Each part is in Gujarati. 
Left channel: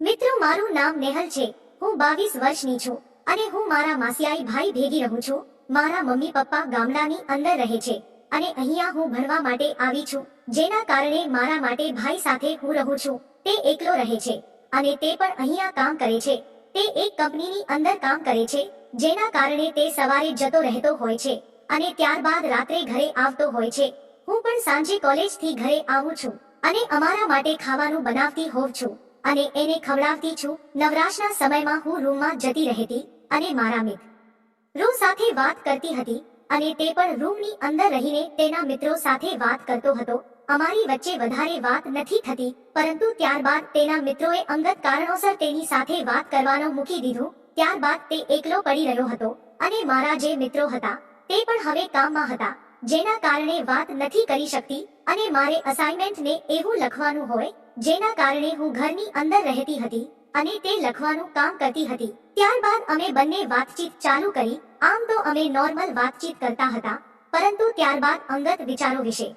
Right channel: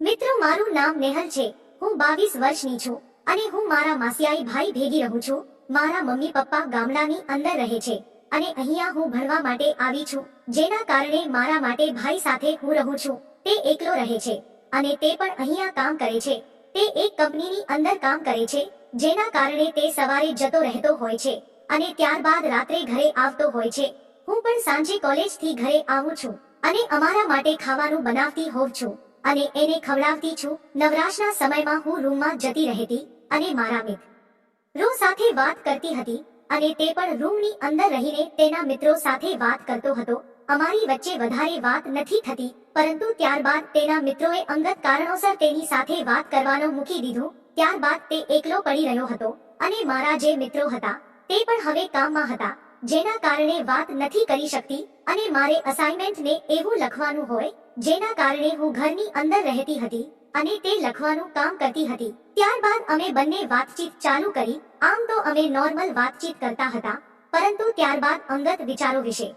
મિત્રો, મારું નામ નેહલ છે. હું બાવીસ વર્ષની છું અને હું મારા માસિયાઈ ભાઈ ભેગી રહું છું. મારા મમ્મી પપ્પા ગામડાની અંદર રહે છે અને અહીંયા હું ભણવા માટે આવી છું. જેના કારણે મારા માટે ભાઈ સાથે હું રહું છું. તે એકલો રહે છે અને તે પણ અહીંયા કામ કરે છે. તે એક કંપનીની અંદર કામ કરે છે, જેના કારણે તે સવારે જતો રહેતો હોય છે અને ત્યારબાદ રાત્રે ઘરે આવતો હોય છે. હું પણ સાંજે કોલેજથી ઘરે આવું છું અને અમારા માટે ખાવાનું બનાવતી હોઉં છું. અને એને ખવડાવતી છું. નવરાશના સમયમાં હું રૂમમાં જતી રહેતી અને મારા મિત્રો સાથે વાત કરતી હતી અને તે પણ રૂમની અંદર રહીને તેના મિત્રો સાથે વાત કરતો હતો. અમારી વચ્ચે વધારે વાત નથી થતી, પરંતુ ત્યારબાદ તેના મિત્રોએ અંગત કારણોસર તેની સાથે વાત કરવાનો મૂકી દીધું. ત્યારબાદ તે એકલો પડી રહ્યો હતો અને મારા જે મિત્રો હતા, તે પણ હવે કામમાં હતા, જેના કારણે વાત નથી કરી શકતી અને મારે અસાઇનમેન્ટને એવું લખવાનું હોય જેના કારણે હું ઘરની અંદર રહેતી હતી અને તે લખવાનું કામ કરતી હતી. ત્યારબાદ અમે બંને વાતચીત ચાલુ કરી. આમ તો અમે નોર્મલ વાતચીત કરતા હતા, પરંતુ ત્યારબાદ અંગત વિચારો વિશે.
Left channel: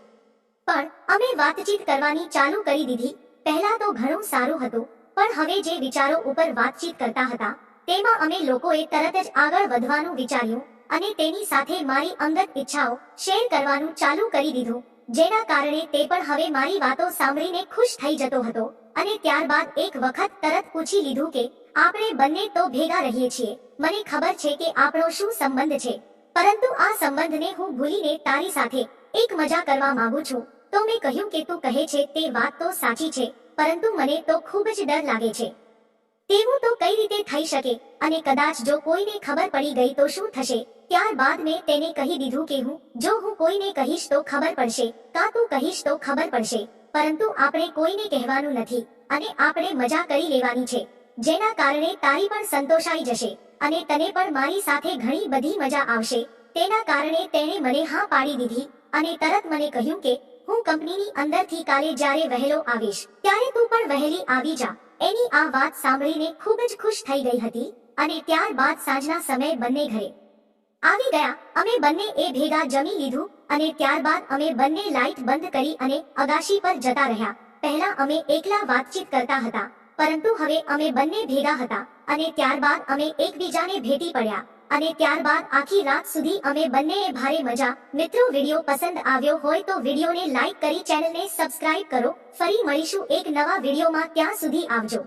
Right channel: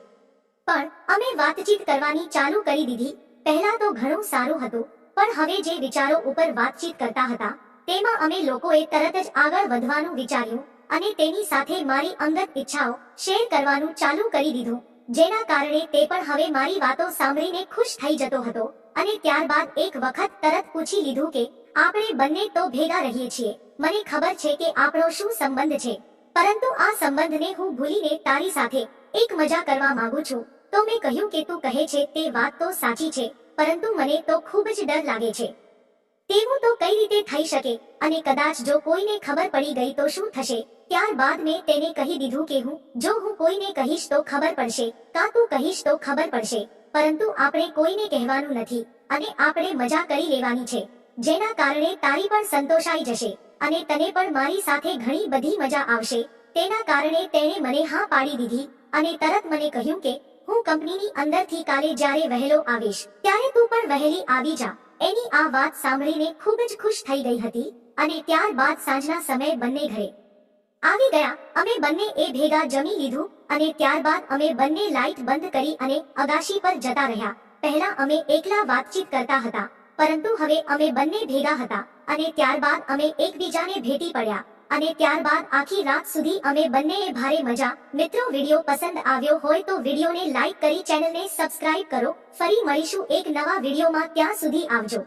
પણ અમે વાતચીત કરવાની ચાલુ કરી દીધી. પહેલા તો ઘણું સારું હતું, પણ હવે જે વિચારો ઉપર વાતચીત કરતા હતા, તેમાં અમે લોકોએ તરત જ આગળ વધવાનું વિચાર્યું અને તેની સાથે મારી અંગત ઈચ્છાઓ શેર કરવાનું ચાલુ કરી દીધું. જેના કારણે તે પણ હવે મારી વાતો સાંભળીને ખુશ થઈ જતો હતો અને ત્યારબાદ એક વખત તરત પૂછી લીધું કે, આપણે બંને તો ભેગા રહીએ છીએ. મને ખબર છે કે આપણો શું સંબંધ છે. પરંતુ આ સંબંધને હું ભૂલીને તારી સાથે એક મજા કરવા માંગુ છું. તો મેં કહ્યું કે તું કહે છે તે વાત તો સાચી છે, પરંતુ મને તો ખૂબ જ ડર લાગે છે. તેવું તો કઈ રીતે થઈ શકે? અને કદાચ જો કોઈને ખબર પડી ગઈ તો શું થશે? ત્યારબાદ મેં તેને કહી દીધું કે હું, જો હું કોઈને કહીશ તો ખબર પડશે, કાં તું કહીશ તો ખબર પડશે. પરંતુ આપણે કોઈને કહેવાનું નથી, અને આપણે મજા કરી લેવાની છે. જેના કારણે તારી પણ સંતોષાઈ જશે, અને તને પણ મારી સાથે ઘણી બધી મજા આવશે. તેના કારણે તેણે મને હા પાડી દીધી, અને તરત મને કહ્યું કે, હું કંપનીની અંદરથી કાલે જ્યારે વહેલો આવીશ, ત્યારે તું પણ વહેલી આવી જા. એની આ વાત સાંભળીને ખૂબ જ ખુશ થઈ ગઈ હતી અને ત્યારબાદ સાંજના સમયે બંને ઘરે આવી ગયા. અમે બંને એ ભેગા જમી લીધું અને ત્યારબાદ અમે બંને લાઇટ બંધ કરી અને અગાશી પર જતા રહ્યા. પહેલા અમે એકલા વાતચીત કરતા હતા, પરંતુ હવે અમે બંને ભેગા હતા અને ત્યારબાદ અમે એકબીજાને ભેટી પડ્યા. અને ત્યારબાદ આખી રાત સુધી અમે બંનેએ ભારે મજા, મિત્રો વીડિયો પસંદ આવ્યો હોય તો વિડીયોને લાઈક કરી ચેનલને સબસ્ક્રાઇબ કરો, ફરી મળીશું એક નવા વિડીયોમાં ત્યાં સુધી આવજો.